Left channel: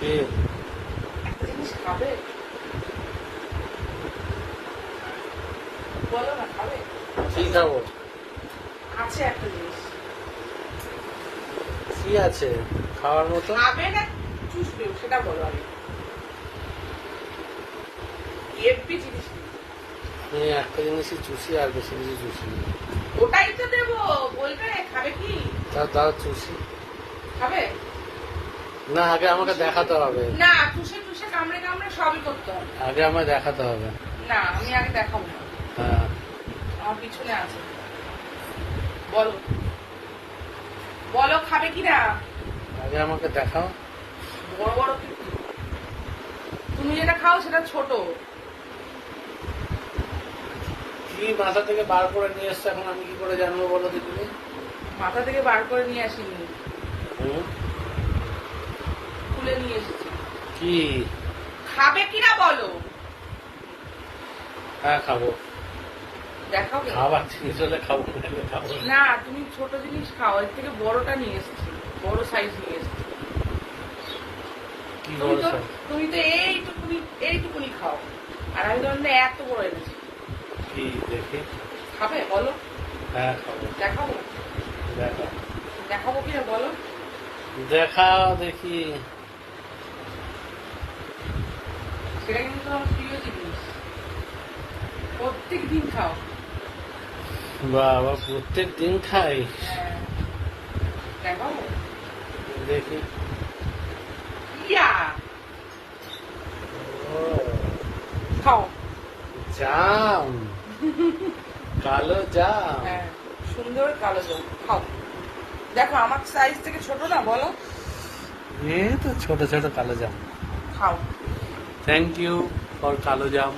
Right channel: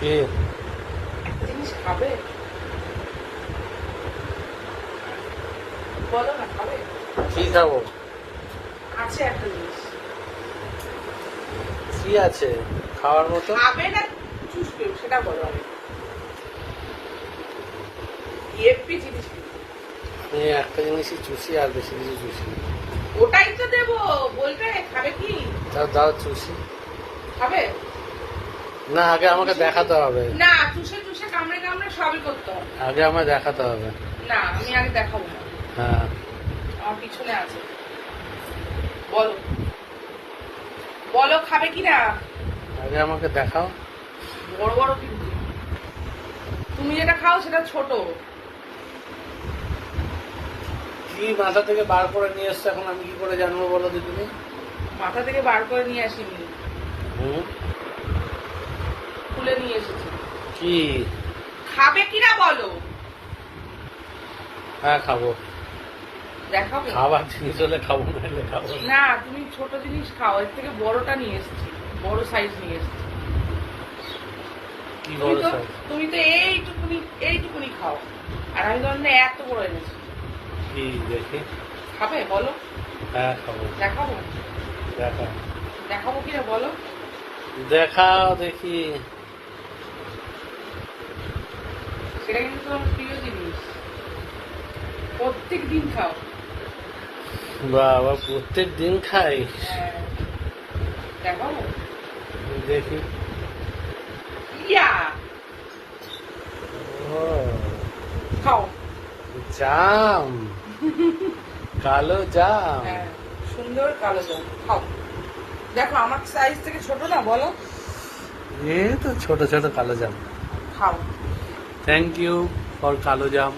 কি একটা জিনিস খাবে? বলো না, খাবে? কি খাবো? আছে একটা জিনিস। কি আছে খাওয়ার মতো? খাবে না চুষবে, সেটা বলো আমি। একটি জিনিস কি? আমি একটা জিনিসই চুষি আর বেশি কিছু চুষি না। ওটাই তো দেবো, বলবে খাবে কি? তাও দাও চুষি। খাবে না, আগে আমাকে দেখাতে হবে। না, চুষে চুষে কামড়ে কামড়ে সবই করতে হবে। আগে আমায় দেখাতে হবে। না, আমি আগে দেখাবো না। হ্যাঁ, আমার পিছনে আছে। বলো বলো, খাবে কিনা? আগে আমাকে দেখাও। বড় বড় কিন্তু। তুমি যেটা খাও সেটা ছোট। কি মাথা থেকে বার করে নিয়ে এসছো, এখন আমি কি করে জানবো বলো দেখিনি? মাথা থেকে বার করে নিয়ে আসিনি, হুম, খুলে নিয়ে এসেছি। কি? খাবে কিনা বলো। হ্যাঁ খাবো। দেখাবো? খাবার জিনিস হলে খাবো, না হলে খাবো না। না, তুমি ছোট জিনিস খাও, এর থেকে বড়টা নিয়ে এসেছি, বড় সাইজ নিয়ে এসেছি। কি বড় সাইজ? তুমি তো এইটুকুনি এইটুকুনি খাও, আর আমি ধরুন এত বড় এনেছি। কি দেখি? খাবে বলো? হ্যাঁ খাবো। দেখাবো? দেখাও। দেখাবো কিনা বলো। দেখাও দেখি। সেটা কিন্তু তোমার প্রিয় জিনিস, প্রত্যেক দিন খাও। বাবা, প্রত্যেক দিন খাই? হ্যাঁ, দেখাবো? দেখি। ইয়া, ও, খাও। জাম, কালো জাম। হ্যাঁ, সুন্দর কালো জল খাও। দেখো আমার সাইজ থেকে ছোট না, বলো। এই তো ছোট ছোট কালো জাম। খাও। থ্যাংক ইউ ফর কালো জাম।